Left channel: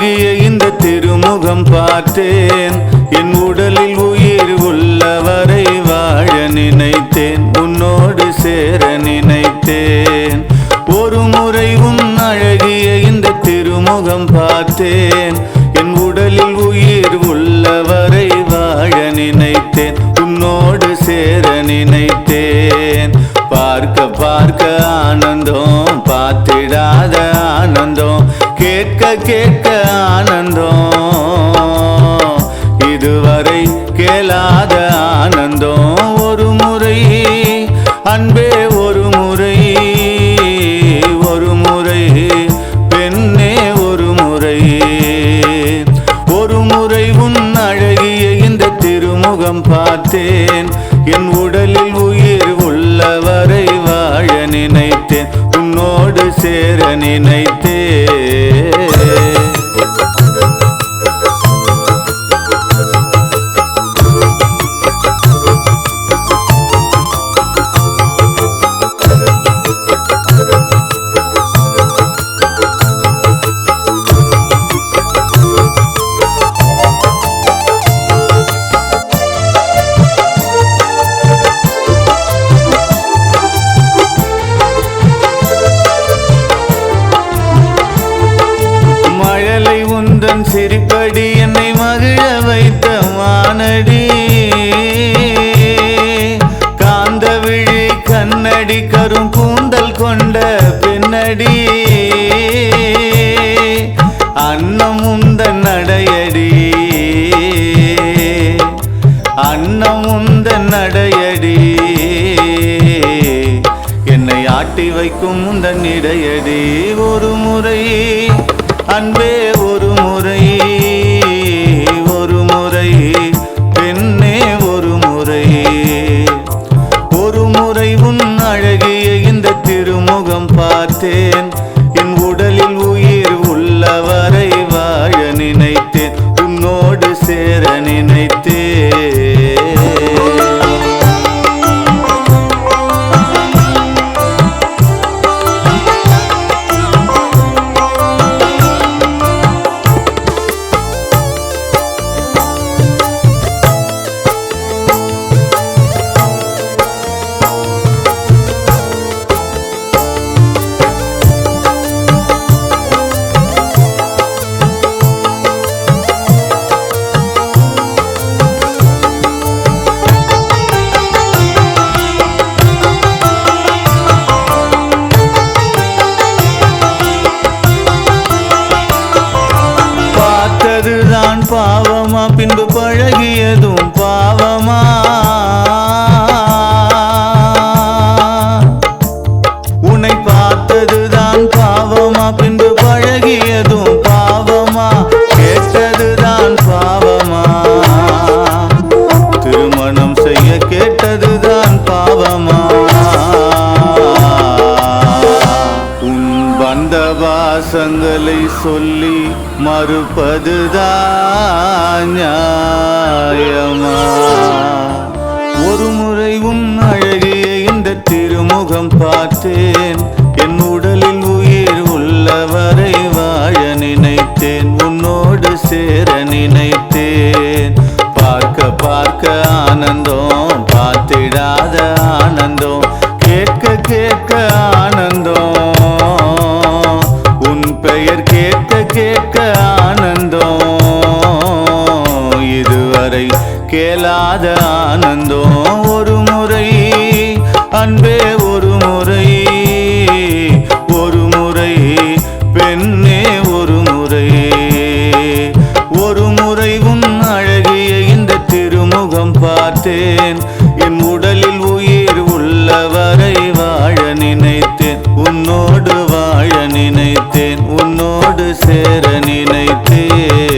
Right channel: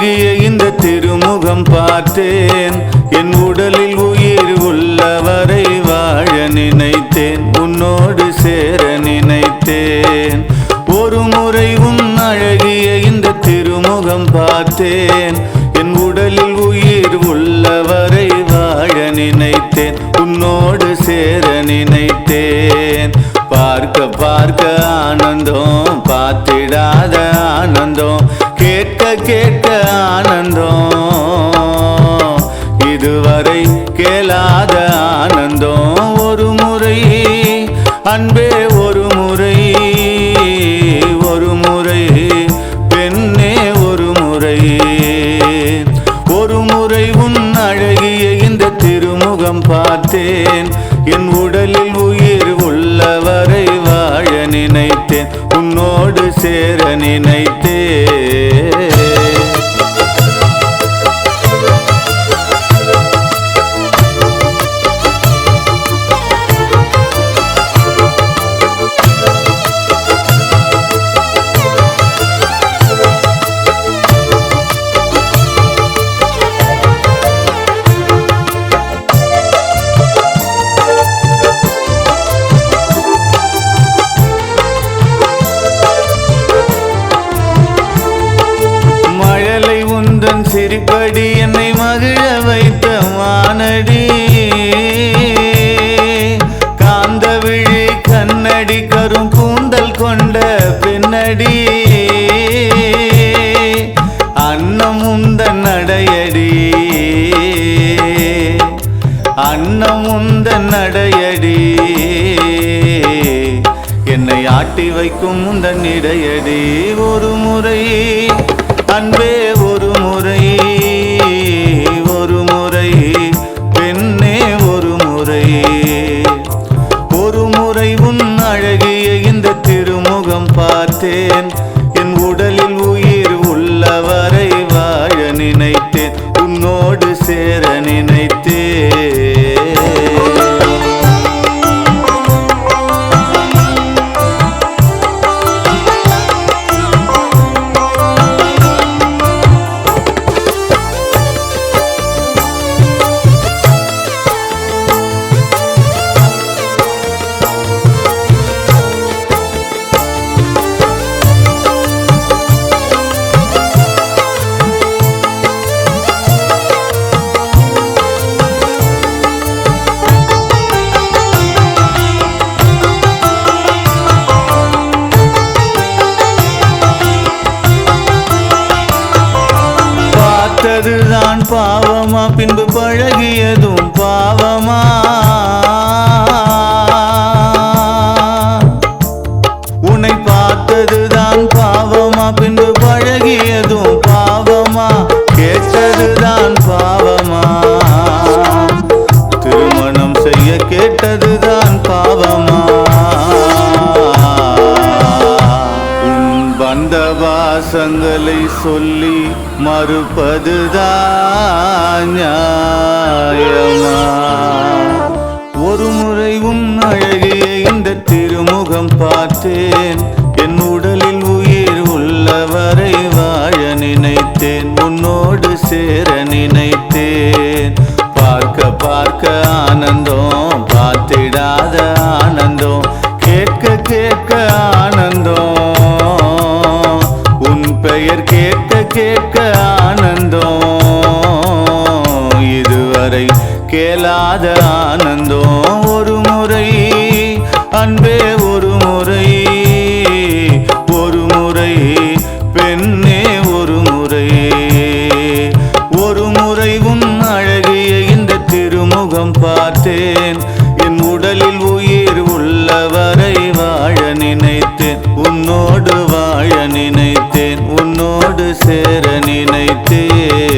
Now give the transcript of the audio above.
அழகிய இந்த திருமுகம் பார்த்தேன். என் உடலில் உயிர் உள்ளவரை வாழ நினைத்தேன், உன்னோடு சேர நினைத்தேன். ஒரு முறை உன் அழகிய இந்த திருமுகம் பார்த்தேன். என் உடலில் உயிர் உள்ளவரை வாழ நினைத்தேன், உன்னோடு சேர நினைத்தேன். பார்க்க பார்க்க ஆனந்தம், பார்த்திடாத ஆனந்தம், கேட்க கேட்க ஆனந்தம், இதுவரை கேளாத ஆனந்தம். ஒரு முறை அன்பே, ஒரு முறை பெண்ணே, ஒரு முறை உன் அழகிய இந்த திருமுகம் பார்த்தேன். என் உடலில் உயிர் உள்ளவரை வாழ நினைத்தேன், உன்னோடு சேர நினைத்தேன். மழலை உந்தன் சிரிப்படி என்னை மகிழ வைத்த மானடி, காந்த விழி கண்ணடி கரும் கூந்தல் கொண்ட பெண்ணடி, அன்னம் உந்தன் நடையடி, அன்னம் உந்தன் நடையடி, என்னை ஆட்டி வைக்கும் உந்தன் இடையடி. ஒரு முறை அன்பே, ஒரு முறை பெண்ணே, ஒரு முறை உன் அழகிய இந்த திருமுகம் பார்த்தேன். என் உடலில் உயிர் உள்ளவரை வாழ நினைத்தேன், உன்னோடு சேர நினைத்தேன். பார்த்ததுதான் பாவமா, பின்பு பழகியதும் பாவமா? உன்னை பார்த்ததுதான் பாவமா, பின்பு பழகியதும் பாவமா? கேட்டதுதான் பாவமா, திருமணம் செய்ய கேட்டதுதான் பாவமா? வந்த வாசங்களை சொல்லி மறுப்பதுதான் நியாயமா? ஒரு முறை உன் அழகிய இந்த திருமுகம் பார்த்தேன். என் உடலில் உயிர் உள்ளவரை வாழ நினைத்தேன், உன்னோடு சேர நினைத்தேன். பார்க்க பார்க்க ஆனந்தம், பார்த்திடாத ஆனந்தம், கேட்க கேட்க ஆனந்தம், உன் பெயர் கேட்க கேட்க ஆனந்தம், இதுவரை கேளாத ஆனந்தம். ஒரு முறை அன்பே, ஒரு முறை பெண்ணே, ஒரு முறை உன் அழகிய இந்த திருமுகம் பார்த்தேன். என் உடலில் உயிர் உள்ளவரை வாழ நினைத்தேன், உன்னோடு வாழ நினைத்தேன், உன்னோடு சேர நினைத்தேன்.